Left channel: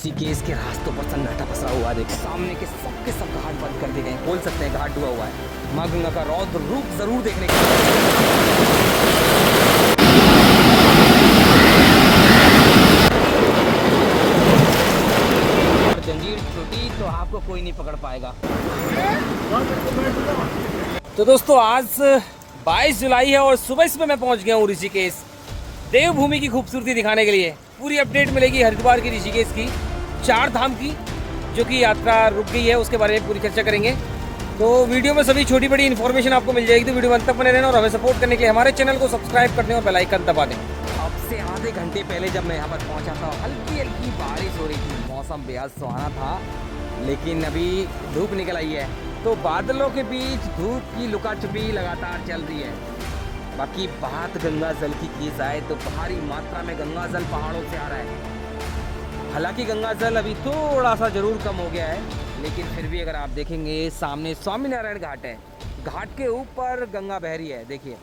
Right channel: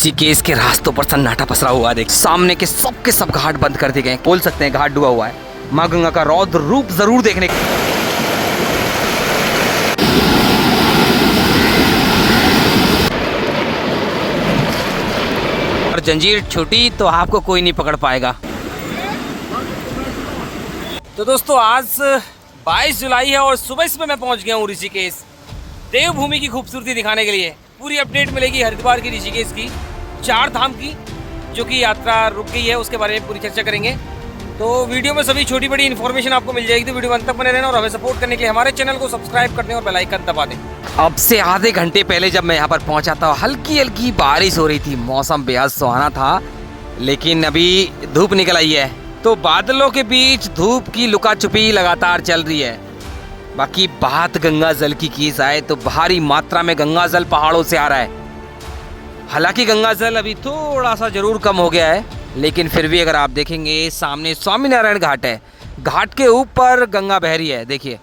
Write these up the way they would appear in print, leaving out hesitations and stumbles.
ऋषिकेश के रास्तों पर सन्नाटा पसरा हुआ है। देख सामने के सब घाट बंद कर दिए गए, बोल सकते हैं घाट डूबा हुआ है। माँ गंगा का रौद्र रूप जरूर देखने के और जंजीर छूटी तो आपको कोई नहीं पकड़ पाएगा। तो दोस्तों आज 22 जुलाई है और सुबह मैं पहुंच गया हूँ ऋषिकेश, देवभूमि की खूबसूरती दिखाने के लिए। पूरी अपडेट मिलेगी हरिद्वार की, ऋषिकेश की, 4 धाम की जो कि यात्रा रुक गई है, उसके बारे में पूरी चर्चा करेंगे। तो वीडियो में सभी छोटी बड़ी इन्फॉर्मेशन आपको मिल जाएगी, तो वीडियो अंत तक बने रहना और हमें सपोर्ट करने के लिए हमारे चैनल को सब्सक्राइब कर दें और बेल आइकन दबा दें। अब से आधे घंटे पहले जब मैं यहाँ पर पहुँचा था, हल्की हल्की बारिश हो रही थी, मौसम बेहद सुहाना था, लेकिन अभी धूप निकल आई है। तो बादलों के बीच धूप की लुका छुपी लगातार चल रही है। बाकी बात गंगा जल की जाए तो भारी मात्रा में गंगा जल पहाड़ों से आ रहा है। हालांकि गंगा जल अभी थोड़ा सा जरूर कम हो गया है, लेकिन फिर भी अगर आप देखेंगे सामने स्वामीनारायण घाट है, घाट के ऊपर गंगा बह रही है। देखिए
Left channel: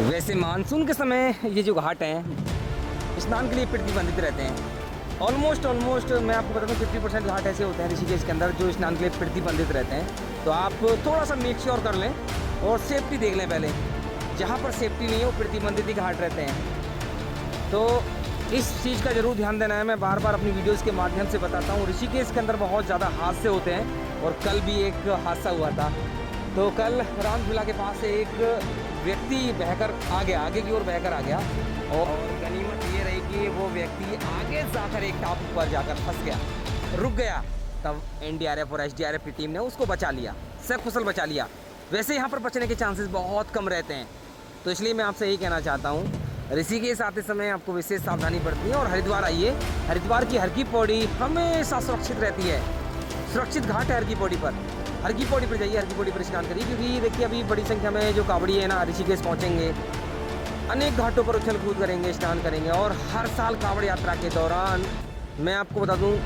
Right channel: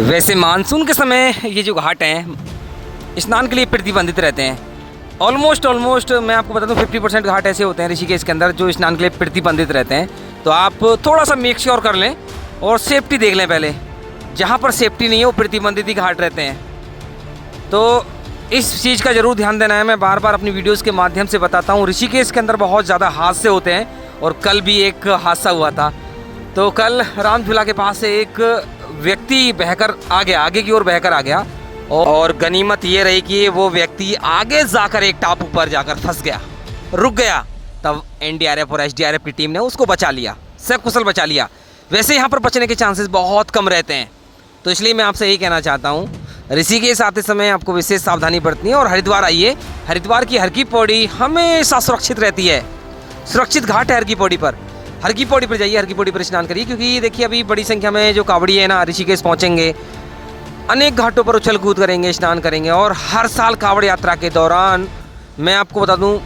वैसे मानसून के समय ये जो घाट हैं स्नान के लिए प्रतिबंधित रहते हैं। ऑलमोस्ट मैं आपको बता दूं 50% घाट ऐसे होते हैं ऋषिकेश के अंदर जो स्नान के लिए प्रतिबंधित रहते हैं। तो आप थोड़ा सा मेक श्योर कर लें और सेफ्टी देख लें पहले। जहाँ पर सेफ्टी नहीं है वो प्रतिबंधित ही घाट रहते हैं। तो इस चीज़ का ज़रूर ध्यान देना है। मैं बार बार अपनी वीडियोस के माध्यम से बताता हूँ, ऋषिकेश के अंदर बहुत ज़्यादा हादसे होते हैं और कल भी एक हादसा हुआ था। तो कल राम झूला के पास से एक व्यक्ति बहकर आ गया, आगे की ओर बहकर आ गया, और गनीमत ये रही कि वो व्यक्ति आगे जाकर एक टापू पर जाकर फंस गया, रुक गया। तब एनडीआरएफ और एसडीआरएफ की टीम ने उसको बचा लिया, सकुशल बचा लिया। वैसे यहाँ पर बचने के चांसेस बहुत कम रहते हैं। तो इसलिए मैं आपसे यही कहना चाहता हूँ, ऋषिकेश आते समय आपको विशेष सावधानी बरतनी है। और हरिद्वार आइए, हरिद्वार की हर की पौड़ी हमेशा सुरक्षित रहती है। सुरक्षित घाट है हर की पौड़ी पर। हर की पौड़ी पर जाइए, हर की पौड़ी पर स्नान करिए, क्योंकि देखिए अभी बड़ी संख्या में जो कावड़ी है ना ऋषिकेश पहुँचेंगे, अनेक घाटों पर उछल कूद करेंगे, स्नान करेंगे। और हर साल कावड़ यात्रा के दौरान मैं आपको बता दूं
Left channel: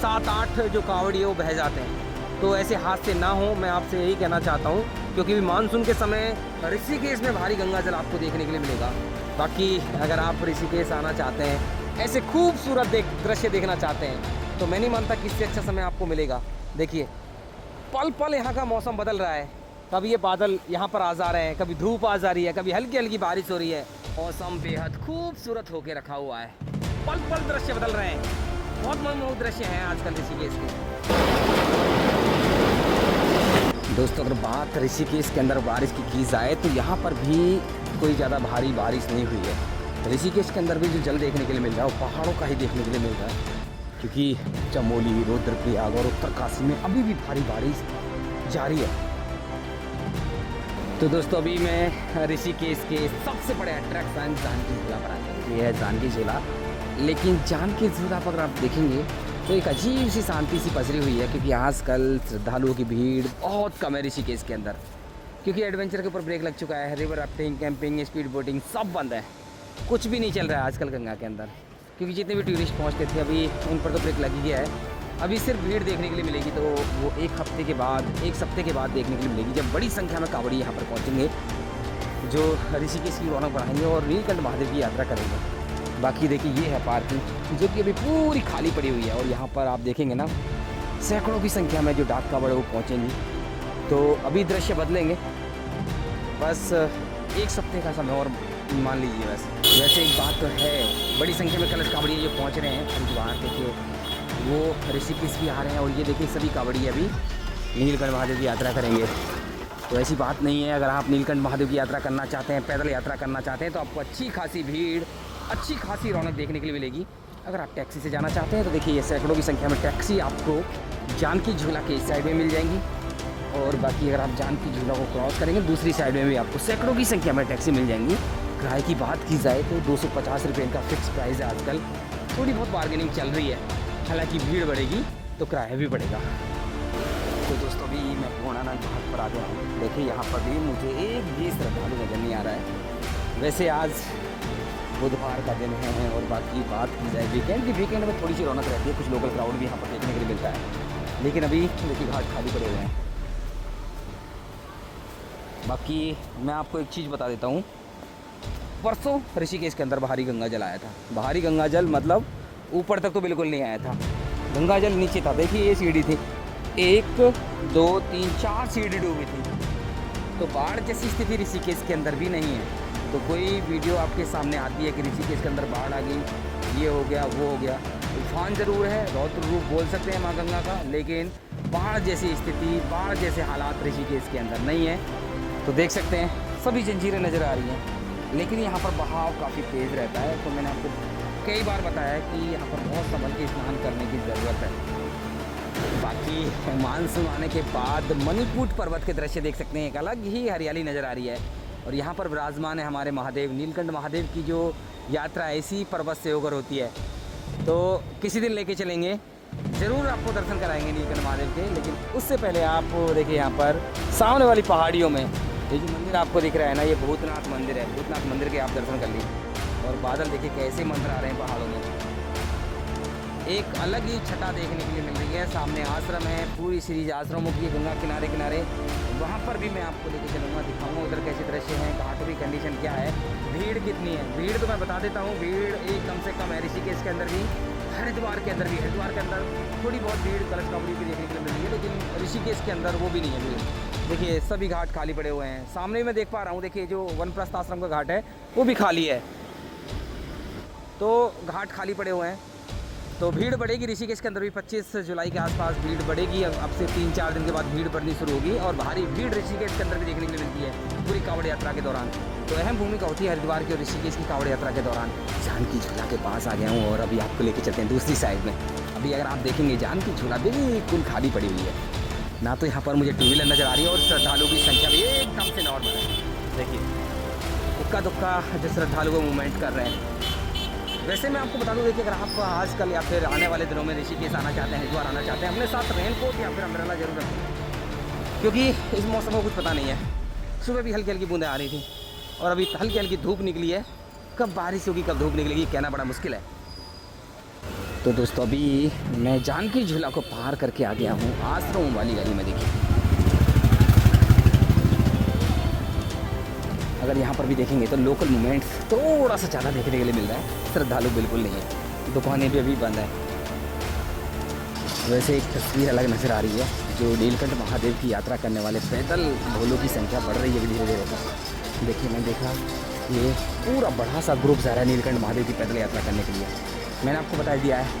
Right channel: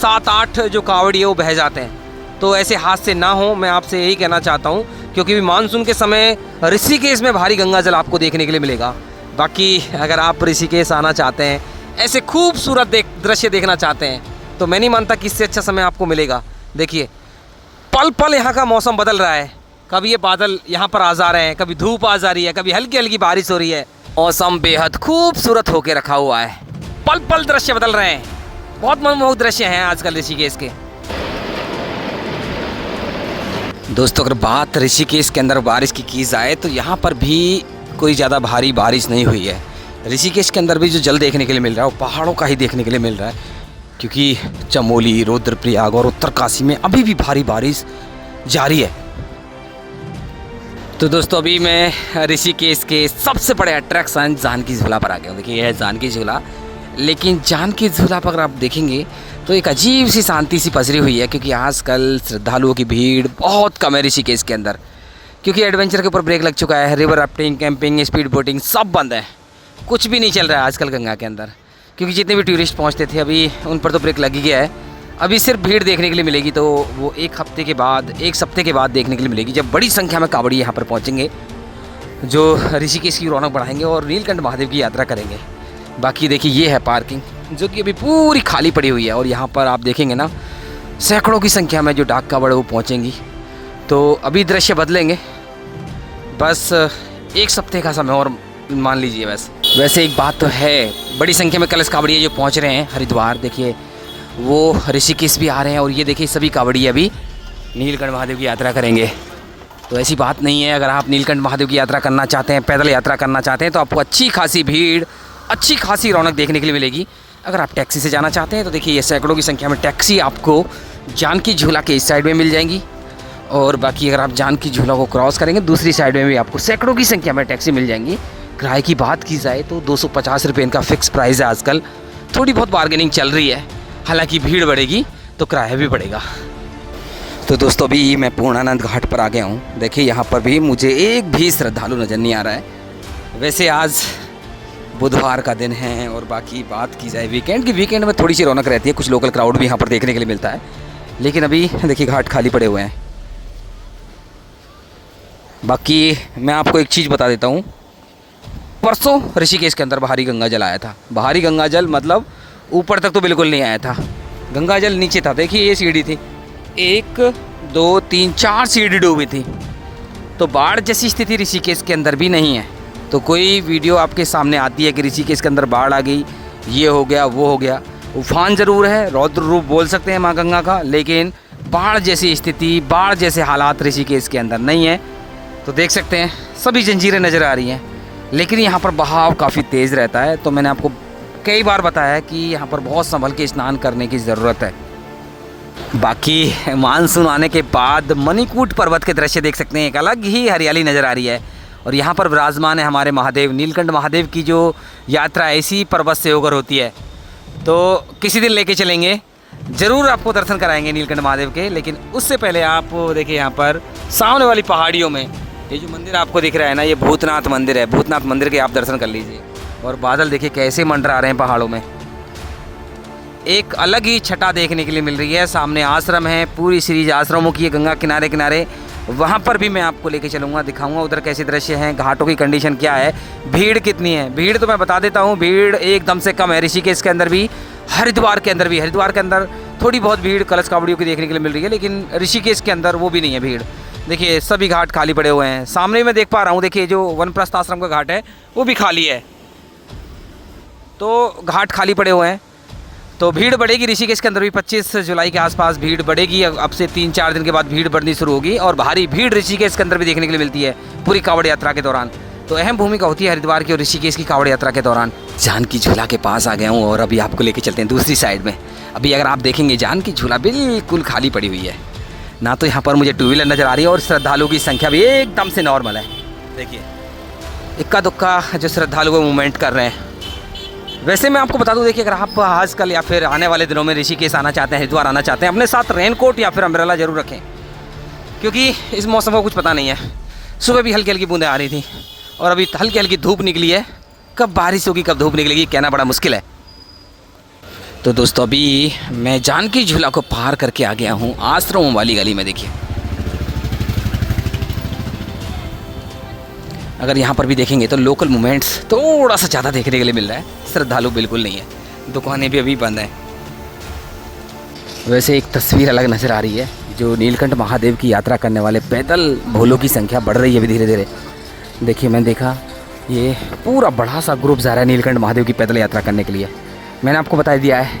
7-8 जो कावड़ी है वो बह जाते हैं। तो ऐसे हादसे ना हो, मैं आपसे यही कहना चाहता हूं, क्योंकि मानसून के समय ऋषिकेश में भारी गंगा जल आपको देखने के लिए मिलेगा। बाकी अगर आप ऋषिकेश आना चाहते हैं, ऐसे खूबसूरत दृश्य देखना चाहते हैं, तो मैं नहीं मानता कि इससे अच्छा समय आपको मिलेगा। देखिए पल पल यहाँ का मौसम बदल रहा है। कभी ये बादल यहाँ पर आ जा रहे हैं, कभी धूप आ जा रही है, कभी हल्की हल्की बारिश हो रही है। मौसम बेहद खूबसूरत होके रखा हुआ है, पल पल दृश्य बदल रहे हैं। बहुत मनमोहक दृश्य हैं आजकल ऋषिकेश के। दोस्तों अगर बात ऋषिकेश के अंदर बारिश की जाए तो यहाँ पर भी कोई ज़्यादा भारी बारिश नहीं हुई है। ऋषिकेश के अंदर भी जो जल देखने के लिए मिल रहा है वो पहाड़ों का ही देखने के लिए मिल रहा है, क्योंकि चमोली, रुद्रप्रयाग और उत्तरकाशी में अभी भी भारी बारिश जारी है। तो दोस्तों अभी मैं ऋषिकेश के सबसे बड़े अट्रैक्शन जानकी झूला पर आ गया हूँ। देखिए यह है जानकी झूला, लेकिन जानकी झूला पर अगर आप देखेंगे तो एक अजीब सी शांति सी पसरी हुई है, क्योंकि आजकल श्रद्धालुओं की भीड़ बहुत कम है ऋषिकेश के अंदर, क्योंकि एडवेंचर के ऊपर ब्रेक लग चुका है। River rafting, camping, speed boating सब बंद है, कुछ भी नहीं चल रहा है आजकल गंगा के अंदर, क्योंकि जितने भी टूरिस्ट पहुँचते थे अभी उन पर तो ब्रेक लग ही गया है। अभी सिर्फ भीड़ देखने के लिए मिलेगी, तो वो एक सप्ते के बाद देखने के लिए मिलेगी, जब बड़ी संख्या में कावड़ी यहाँ पर पहुँचेंगे, जो ऋषिकेश की रौनक बढ़ाएंगे और नीलकंठ महादेव की यात्रा करेंगे। बाकी देखिए ये है पार्किंग, जो कि अभी पूरी खाली पड़ी हुई है, और यहाँ पर आप देखेंगे ना सैकड़ों की संख्या में जो डाक कावड़ वो पहुँचेंगी। तो अभी दृश्य बदलेंगे, बस एक सप्ते का समय और मान लीजिए बस। वैसे एक बात तो है, बड़ी संख्या में कलश कावड़िए जो पहुँच रहे हैं हरिद्वार, देखिए वो ऋषिकेश भी आ रहे हैं, और ये देखिए सभी कावड़ी अभी नीलकंठ महादेव की यात्रा करेंगे। तो ऐसी बात नहीं है, अगर आप नीलकंठ महादेव की यात्रा करना चाहते हैं, पैदल यात्रा करना चाहते हैं, तो आपको अच्छी खासी भीड़, अच्छी खासी रौनक देखने के लिए मिलेगी। अगर आप टैक्सी से जाना चाहते हैं तो देखिए ये सैकड़ों की संख्या में टैक्सी आपको जानकी झूला के इस साइड में मिल जाएंगी, और बाकी अगर आप जानकी झूला को क्रॉस करेंगे दूसरी साइड में भी आपको सैकड़ों की संख्या में टैक्सी मिल जाएंगी। किराए की बात की जाए तो 250 रुपये इनका फिक्स प्राइस है आजकल। थोड़ी बहुत बार्गेनिंग चल रही है, हालांकि भीड़ बढ़ेगी तो किराया भी बढ़ेगा। तो दोस्तों अभी मैं पूर्णानंद घाट पर आ गया हूँ। देखिए यहाँ पर भी मुझे एक भी श्रद्धालु नज़र नहीं आ रहा है। वैसे आज बुधवार का दिन है, और बाकी बात की जाए वीकेंड में थोड़ी सी रौनक रहती है, कुछ लोकल क्राउड भी यहाँ पर देखने के लिए मिलता है, लेकिन अभी देखिए घाट खाली पड़े हुए हैं। बाकी मैं आपको एक चीज़ बता देता हूँ, परसों ऋषिकेश के अंदर बाहरी गंगा जल आया था। बाहरी गंगा जल मतलब ऊपर तक तो बिल्कुल नहीं आया था, गंगा जल नीचे था। देखिए ये सीढ़ी थी, 1 2 3 4 सीढ़ी डूबी थी। तो बाढ़ जैसी स्थिति ऋषिकेश के अंदर भी नहीं है। तो कोई वीडियो आपके सामने आती है कि ऋषिकेश के अंदर बाढ़ आ गई, ये हो गया वो हो गया, उफान ज़रूर है, रौद्र रूप बोल सकते हैं माँ गंगा का, लेकिन बाढ़ जैसी स्थिति, बाढ़ जैसे हालात ऋषिकेश के अंदर नहीं है। तो देख सकते हैं सभी जंजीरें नज़र आ रही हैं, लेकिन यहाँ पर बहाव काफ़ी तेज़ रहता है। तो मैंने आपको कई बार बताया है कि यहाँ पर बहुत संभल के स्नान करने की ज़रूरत है। बाकी मानसून आने के बाद मणिकूट पर्वत के दृश्य देख सकते हैं, एक अलग ही हरियाली नज़र आ रही है। और यहाँ पर विराजमान है हमारे महादेव, नीलकंठ महादेव की जो यात्रा ऐसी पर्वत से होकर होती है। तो किसी दिन लेके चलेंगे, ज़रूर आपको दर्शन कराएंगे नीलकंठ महादेव के। लेकिन उससे पहले आप देखिए यहाँ पर सामने वाली पहाड़ियों में ये जो मंदिर आपको दिख रहा है ना, ये भूतनाथ मंदिर है। भूतनाथ मंदिर के आप दर्शन कर लीजिए। और बादल देखिए कैसे मंडरा रहे हैं पहाड़ों में, एक अलग ही छटा देखने के लिए मिल रही है। सामने आश्रम है, पूरी सीरीज आश्रमों की है गंगा किनारे किनारे। वहाँ पर भी मैं आपको लेके चलूँगा, दिखाऊंगा उधर कैसे दृश्य हैं, घाटों की कंडीशन क्या है, भीड़ कितनी है। भीड़ तो मैं बता देता हूँ, भीड़ एकदम से कम है ऋषिकेश के अंदर भी, हरिद्वार के अंदर भी। हरिद्वार के अंदर थोड़ी बहुत भीड़ कलश कावड़ियों की देखने के लिए मिल रही है, लेकिन ऋषिकेश के अंदर वो भी नहीं है भीड़। देखिए सभी घाट खाली पड़े हुए हैं। सामने मैं देख पा रहा हूँ, देखिए जो वनप्रस्थ आश्रम का घाट है वो भी खाली है। तो घाट खाली पड़े हुए हैं। तो भीड़ बढ़ेगी ऋषिकेश के अंदर भी। 25 जुलाई के आसपास भीड़ बढ़ेगी। अब से 3-4 दिन के बाद भीड़ बढ़नी शुरू होगी और भारी भीड़ ऋषिकेश के अंदर भी देखने के लिए मिलती है पूरी कांवड़ यात्रा के दौरान। तो अहम भूमिका होती है हरिद्वार की और ऋषिकेश की कांवड़ यात्रा के दौरान। जानकी झूला के पास आ गया हूँ और अभी आपको लेके चलते हैं दूसरी साइड में। अभी अगर आप देखेंगे जानकी झूला बिल्कुल खाली पड़ी हुई है, ना तो यहाँ पर मुझे 2 व्हीलर नज़र आ रही है और श्रद्धालुओं की संख्या भी एकदम से नॉर्मल है। देखिए इक्का दुक्का जो श्रद्धालु वो मूवमेंट कर रहे हैं। वैसे मैं आपको बता दूं, देखिए अगर आप आजकल या फिर आने वाले दिनों में ऋषिकेश आना चाहते हैं, हरिद्वार आना चाहते हैं, अपने साथ रेनकोट या फिर अम्ब्रेला जरूर रखें, क्योंकि इस मौसम को कुछ पता नहीं है। सुबह भी हल्की हल्की बूंदें आ रही थी और अभी हल्की हल्की धूप निकली है। कब बारिश होगी कब धूप निकलेगी कहना बड़ा मुश्किल है। तो दोस्तों अभी मैं जानकी झूला को पार करके आ गया हूँ आश्रमों वाली गली में। देखिए अगर यहाँ पर भी देखेंगे तो लोकल मूवमेंट्स थोड़ा सा ज़्यादा देखने के लिए मिल रहा है, श्रद्धालु बिल्कुल नहीं है, दुकानें भी अभी बंद हैं। वैसे एक तस्वीर अलग नज़र आ रही है, जो नीलकंठ महादेव की यात्रा करने वाले पैदल भोलों की संख्या बढ़ रही है अभी धीरे धीरे। देखिए मैंने देखा ये पूरा बड़ा सा ग्रुप जा रहा है नीलकंठ महादेव की पैदल यात्रा करने के लिए। मैंने आपको बता दिया है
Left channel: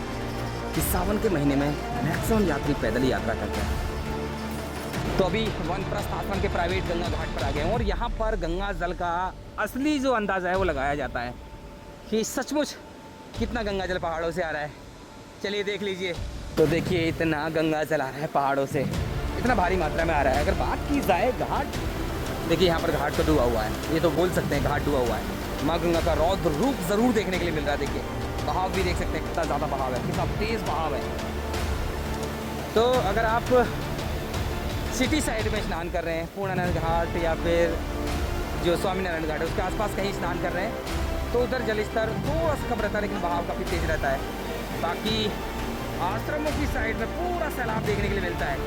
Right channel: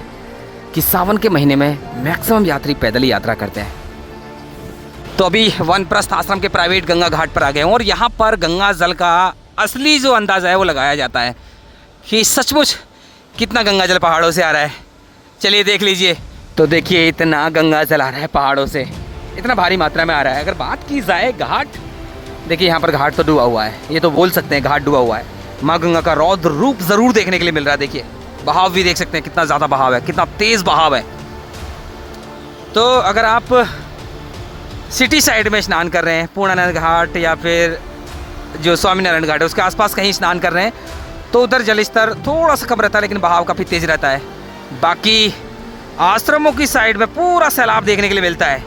कि सावन के महीने में मैक्सिमम यात्री पैदल ही यात्रा करते हैं। तो अभी वनप्रस्थ आश्रम के प्राइवेट गंगा घाट पर आ गए हूँ और यहाँ पर गंगा जल का असली जो अंदाज़ा है वो लगाया जाता है कि सचमुच कितना गंगा जल पहाड़ों से आ रहा है। चलिए देख लीजिए। तो देखिए इतना गंगा जल आ रहा है पहाड़ों से, इतना भारी मात्रा में आ रहा है। अगर बात की जाए घाट, देखिए यहाँ पर घाट तो डूबा हुआ है, ये तो बोल सकते हैं घाट डूबा हुआ है। माँ गंगा का रौद्र रूप ज़रूर देखने के लिए मिल रहा है। देखिए बहाव भी देख सकते हैं, कितना ज़्यादा बहाव है, कितना तेज़ बहाव है। तो अगर आप सिटी साइड में स्नान कर रहे हैं, पूर्णानंद घाट या फिर जो स्वामीनारायण घाट है उसके आसपास कहीं स्नान कर रहे हैं, तो उधर जल स्तर थोड़ा सा कम रहता है, लेकिन बहाव काफ़ी तेज़ रहता है। बाकी आश्रमों की साइड में पूरा सैलाब देखने के लिए मिलता है,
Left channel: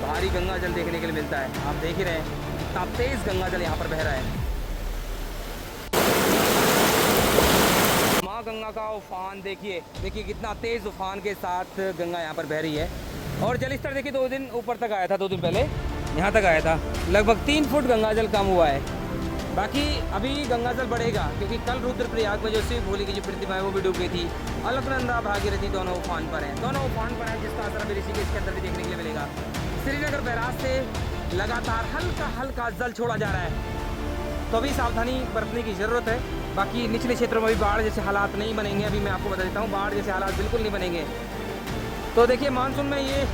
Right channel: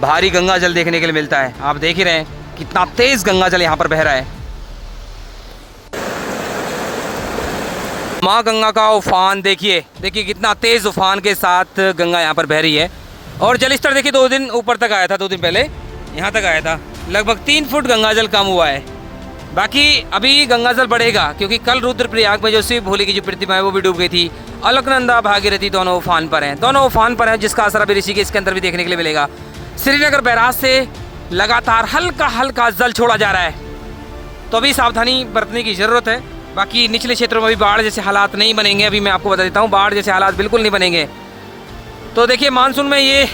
भारी गंगा जल देखने के लिए मिलता है। आप देख ही रहे हैं कितना तेज़ गंगा जल यहाँ पर बह रहा है। माँ गंगा का उफान देखिए, देखिए कितना तेज़ उफान के साथ गंगा यहाँ पर बह रही है। और जल स्तर देखिए 2 दिन ऊपर तक आया था, 2 दिन पहले यहाँ तक आया था, लगभग 3 फुट गंगा जल कम हुआ है। बाकी अभी गंगा जल बढ़ेगा, क्योंकि कल रुद्रप्रयाग में जो शिव भोले की जो प्रतिमा है वो भी डूब गई थी। अलकनंदा भागीरथी दोनों उफान पर हैं, दोनों उफान पर हैं, जिसका असर अभी ऋषिकेश के अंदर भी देखने के लिए मिलेगा। श्रीनगर बैराज से लगातार हल्का हल्का जल छोड़ा जा रहा है, तो अभी सावधानी बरतने की ज़रूरत है। बाकी निचले क्षेत्रों में भी बाढ़ जैसे हालात नहीं बनेंगे, अभी मैं आपको बता देता हूँ, बाढ़ जैसे हालात बिल्कुल नहीं बनेंगे। तो देखिए मानसून में ये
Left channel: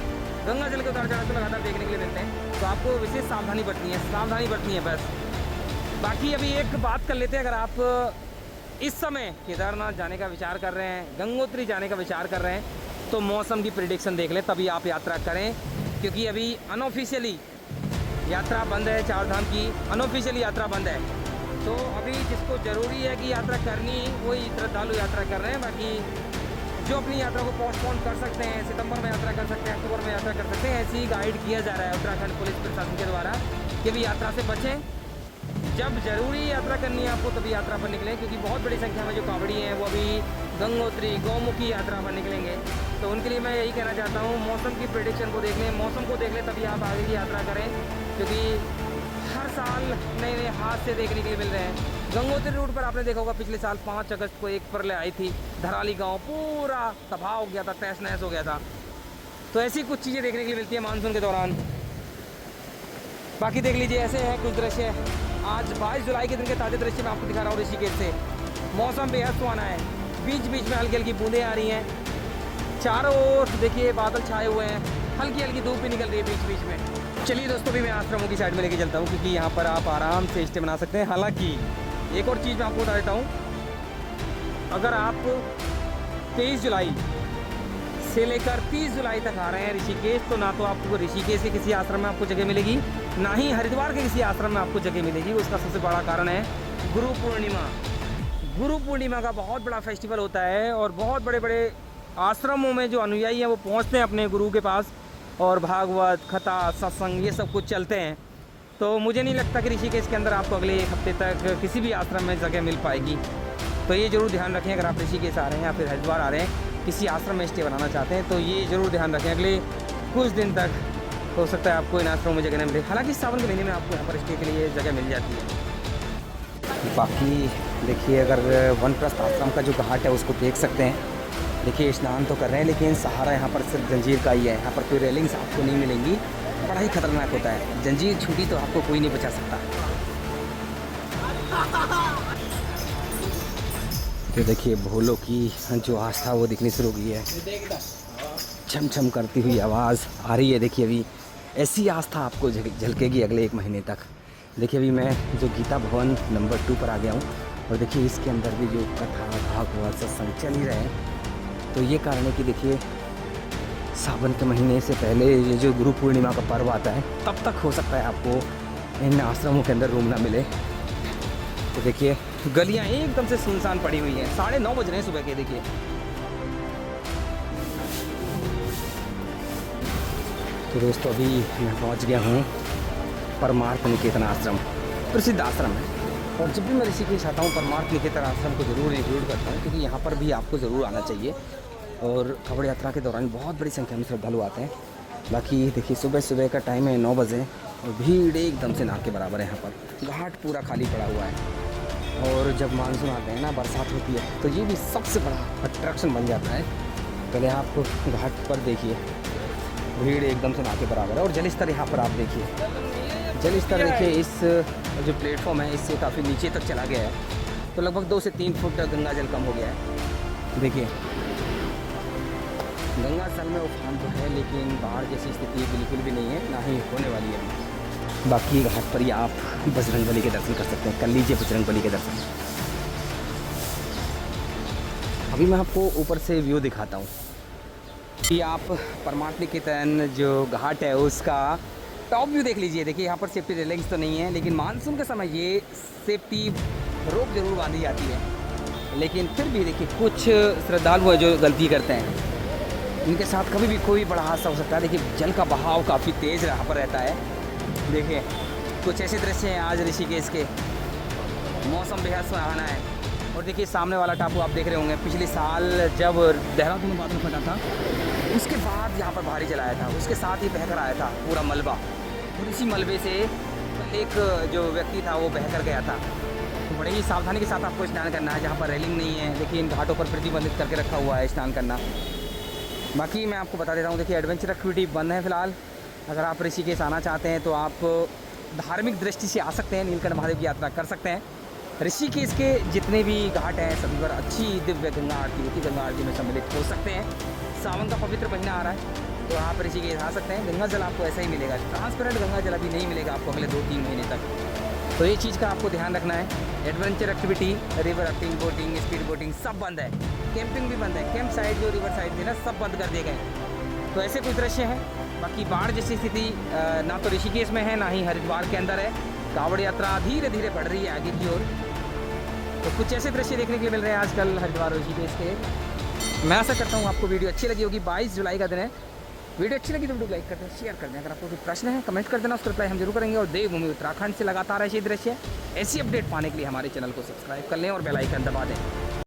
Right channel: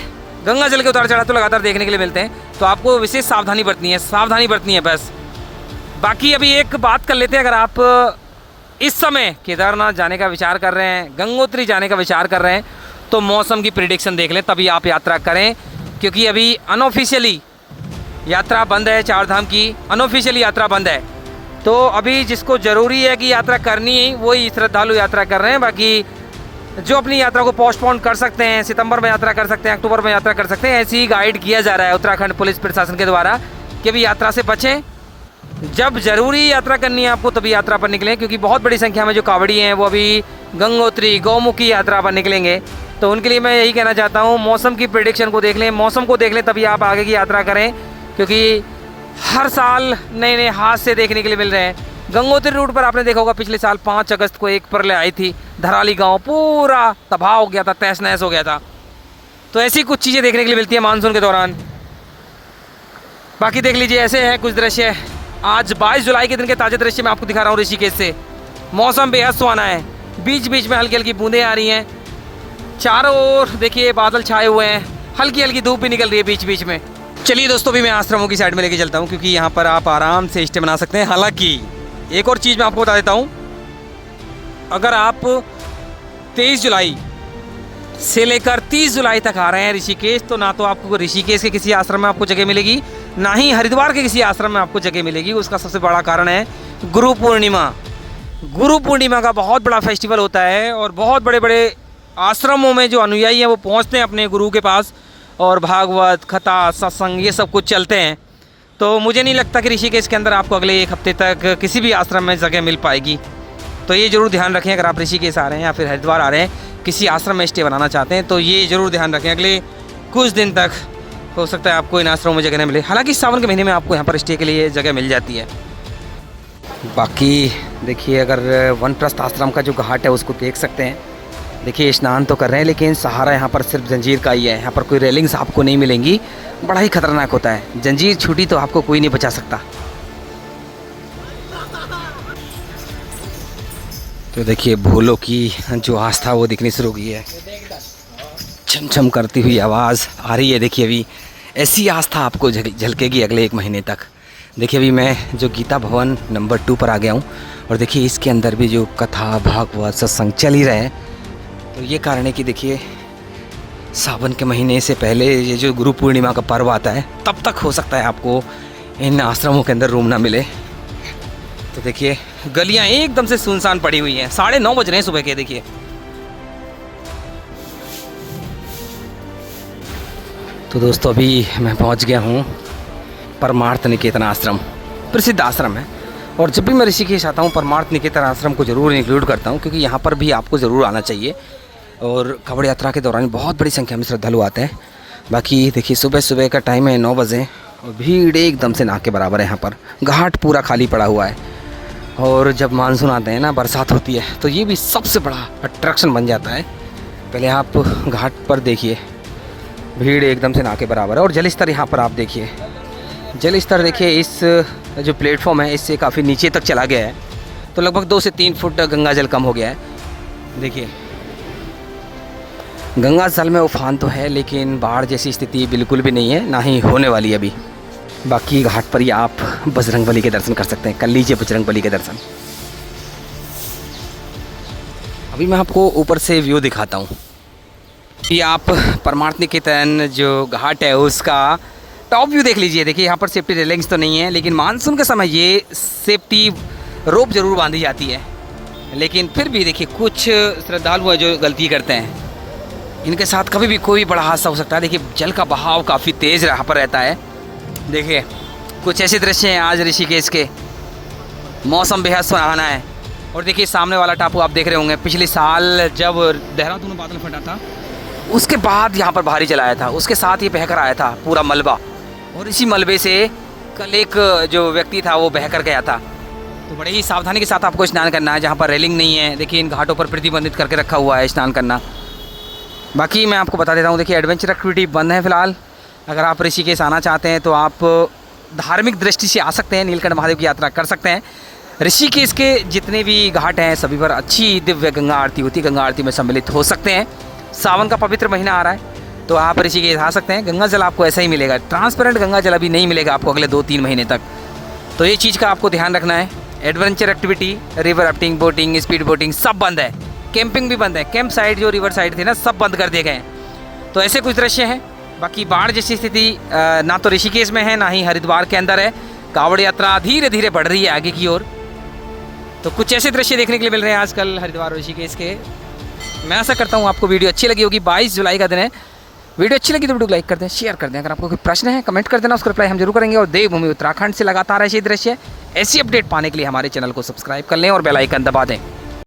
गंगा जल के उतार चढ़ाव तो लगातार देखने के लिए मिलते हैं, तो आपको विशेष सावधानी बरतनी है बस। बाकी अभी एक बात कर लेते हैं, अगर आप इस समय केदारनाथ जाने का विचार कर रहे हैं, गंगोत्री जाने का विचार कर रहे हैं, तो मौसम की प्रिडिक्शन देख लें, तभी आप यात्रा करें, क्योंकि अभी अनऑफिशियली यात्रा बंद है, 4 धाम की अनऑफिशियली यात्रा बंद है। तो अभी जिसको ज़रूरी है कि यात्रा करनी है वही श्रद्धालु यात्रा कर रहे हैं। बाकी जो अपनी यात्रा को पोस्टपोन कर सकते हैं, सितंबर में यात्रा कर सकते हैं, अक्टूबर में यात्रा कर सकते हैं, ऐसे ही गाइड किया जा रहा है उत्तराखंड पुलिस प्रशासन के द्वारा कि भी यात्रा से बचें। जब ज़रूरी यात्रा करनी है आपको तभी यात्रा पर निकलें, क्योंकि बहुत बड़ी संख्या में जो कावड़ी हैं वो अभी गंगोत्री गौमुखी यात्रा पर निकलेंगे। तो उनके लिए मैं यही कहना चाहता हूँ, मौसम की प्रेडिक्शन को देख लें, मौसम को देख लें तभी आप आगे की यात्रा करें, क्योंकि हर साल नए नए हादसे देखने के लिए मिल रहे हैं। गंगोत्री रूट पर आपने देखा होगा पिछले साल 5 अगस्त को एक प्रलय आई थी, धराली गांव पूरा तबाह हो गया था, तहस नहस हो गया था। तो ऐसी कुछ चीज़ें देखने के लिए मिलती है मानसून के दौरान। बाकी देख लीजिए, ऐसे हैं कुछ दृश्य। आज 22 जुलाई के दिन के ताज़ा दृश्य मैं आपको दिखा रहा हूँ ऋषिकेश से। मौसम बेहद सुहाना है, बीच बीच में हल्की हल्की बूंदें आ रही हैं, चारों ओर देखिए बादल छाए हुए हैं, हल्की हल्की धूप भी निकल रही है बीच बीच में। चलिए दोस्तों, भी मैं आश्रमों की साइड में लेके चलता हूँ, क्योंकि यहाँ पर आप आराम से स्टे बना सकते हैं। हालांकि एक और चीज़ मैं आपको बता देता हूँ, अगर आप 23 जुलाई से लेकर 30 जुलाई तक आ रहे हैं ऋषिकेश, तो ना तो आपको ऋषिकेश के किसी आश्रम में आपको जगह मिलेगी, ना ही हरिद्वार के किसी आश्रम में आपको जगह मिलेगी। उसका सबसे बड़ा कारण है गुरु पूर्णिमा। गुरु पूर्णिमा का बहुत बड़ा फेस्टिवल होता है और बहुत बड़े बड़े आश्रमों में जो अनुयायी हैं वो पहुंचते हैं अपने गुरु के पास, और भागवत कथा सत्संग ये सब कुछ चलते हैं। तो मुझे नहीं लगता कि ऋषिकेश के अंदर आपको अगले 1 हफ्ते तक किसी भी आश्रम में जगह मिल पाएगी। तो ये ज़रूर ध्यान रखें, अगर आप ऋषिकेश आ रहे हैं या फिर हरिद्वार आ रहे हैं, किसी आश्रम में स्टे बनाना चाहते हैं, तो ये ज़रूर ध्यान रखें, अगले कुछ दिन तक हो सकता है आपको इन आश्रमों में जगह नहीं मिले। हालांकि सावन के महीने में आपको यहाँ पर स्टे के लिए जगह मिल जाती है। बाकी देखिए, अगर वनप्रस्थ आश्रम का जो घाट है उसको देख सकते हैं। देखिए स्नान तो कर रहे हैं, लेकिन सहारा यहाँ पर सिर्फ जंजीर का ही है। यहाँ पर कोई रेलिंग्स आपको नहीं मिलेंगी, बड़ा ही खतरनाक होता है। जंजीर छूटी तो आपको कोई नहीं बचा सकता। तो देखिए भोलों की जो आस्था वो दिखनी शुरू हो गई है, छम छम करती हुई आवाज़ आ रही है। देखिए अभी ऐसी आस्था आपको झलकेगी अगले 1 महीने तक। देखिए अभी मैं जो गीता भवन नंबर 2 पर आ गया हूँ, और देखिए इसके अंदर भी जो कथा भागवत सत्संग चल ही रहे हैं। तो ये कारण है कि देखिए सावन के महीने से पहले ये जो गुरु पूर्णिमा का पर्व आता है, तब तक हो सकता है आपको इन आश्रमों के अंदर रूम ना मिले। तो देखिए गलियां एकदम से सुनसान पड़ी हुई हैं, 9:30 बज रहे हैं सुबह के। देखिए तो दोस्तों, अभी मैं पहुंच गया हूं परमार्थ निकेतन आश्रम, प्रसिद्ध आश्रम है। और जब भी मैं ऋषिकेश आता हूं, परमार्थ निकेतन आश्रम को ज़रूर इंक्लूड करता हूं, क्योंकि यहाँ पर भी आपको ज़रूर आना चाहिए। और कावड़ यात्रा के दौरान बहुत बड़ी संख्या में श्रद्धालु आते हैं। बाकी देखिए सुबह सुबह का टाइम है, 9 बजे, और भीड़ एकदम से ना के बराबर है। यहाँ पर घाट पूरा खाली पड़ा हुआ है। और जब मानसून आते हैं ना, बरसात होती है, तो ये भी सबसे बड़ा अट्रैक्शन बन जाता है। पहले आप घाट पर देखिए, भीड़ एकदम से ना के बराबर है। और जल स्तर यहाँ पर आप देखिए, जल स्तर देखिए, इस जो प्लेटफॉर्म है इससे काफ़ी नीचे तक चला गया है। तो लगभग 2 से 3 फुट गंगा जल कम हो गया है। देखिए गंगा जल में उफान तो है, लेकिन बाढ़ जैसी स्थिति बिल्कुल भी नहीं है, ना ही होने वाली है अभी। बाकी घाट पर ही आप बजरंगबली के दर्शन कर सकते हैं। कर लीजिए बजरंगबली के दर्शन। अभी मैं आपको ऊपर से व्यू दिखाता हूँ। ये आप परमार्थ निकेतन जो घाट है उसका टॉप व्यू देख लीजिए। देखिए यहाँ पर सेफ्टी रेलिंग्स तो नहीं है, लेकिन मानसून के समय ये सेफ्टी रोप जरूर बांधी जाती है। लेकिन फिर भी देखिए कुछ श्रद्धालु है जो गलती करते हैं, इनके साथ कभी भी कोई बड़ा हादसा हो सकता है। देखिए जल का बहाव काफ़ी तेज़ यहाँ पर रहता है। देखिए कुछ ऐसे दृश्य हैं आज ऋषिकेश के। मौसम बेहद सुहाना है। और देखिए सामने वाला टापू आप देख रहे होंगे, पिछले साल जब देहरादून में बादल फटा था, उसके बाद यहाँ पर भारी चलाया था, उसके साथ ये बह कर आया था पूरा मलबा। और इसी मलबे से कल एक जो व्यक्ति था वो बह कर गया था। तो बड़े ही सावधानी के साथ आपको स्नान करना है। जहाँ पर रेलिंग नहीं है, देखिए इन घाटों पर प्रतिबंधित करके रखा हुआ है स्नान करना। बाकी मैं आपको बता देता हूँ, देखिए एडवेंचर एक्टिविटी बंद है फ़िलहाल। अगर आप ऋषिकेश आना चाहते हैं तो आप धार्मिक दृष्टि से आ सकते हैं, नीलकंठ महादेव की यात्रा कर सकते हैं। ऋषिकेश के जितने भी घाट हैं सभी पर अच्छी दिव्य गंगा आरती होती है, गंगा आरती में सम्मिलित हो सकते हैं। सावन का पवित्र महीना आ रहा है तो आप ऋषिकेश आ सकते हैं। गंगा जल आपको ऐसा ही मिलेगा, ट्रांसपेरेंट गंगा जल अभी नहीं मिलेगा आपको अगले 2-3 महीने तक। तो ये चीज़ का आपको ध्यान रखना है। Adventure activity, river rafting, boating, speed boating सब बंद है। कैंपिंग भी बंद है। कैंप साइड जो रिवर साइड थे ना, सब बंद कर दिए गए हैं। तो ऐसे कुछ दृश्य हैं। बाकी बाढ़ जैसी स्थिति ना तो ऋषिकेश में है, ना ही हरिद्वार के अंदर है। कावड़ यात्रा धीरे धीरे बढ़ रही है आगे की ओर। तो कुछ ऐसे दृश्य देखने के लिए मिल रहे हैं आजकल हरिद्वार और ऋषिकेश के। मैं आशा करता हूँ आपको वीडियो अच्छी लगी होगी। 22 जुलाई का दिन है, वीडियो अच्छी लगी तो वीडियो को लाइक कर दें, शेयर कर दें। अगर आपको कोई प्रश्न है कमेंट कर देना, उसका रिप्लाई हम जरूर करेंगे। और देवभूमि उत्तराखंड से लगातार ऐसे दृश्य ऐसी अपडेट पाने के लिए हमारे चैनल को सब्सक्राइब कर लें और बेल आइकन दबा दें।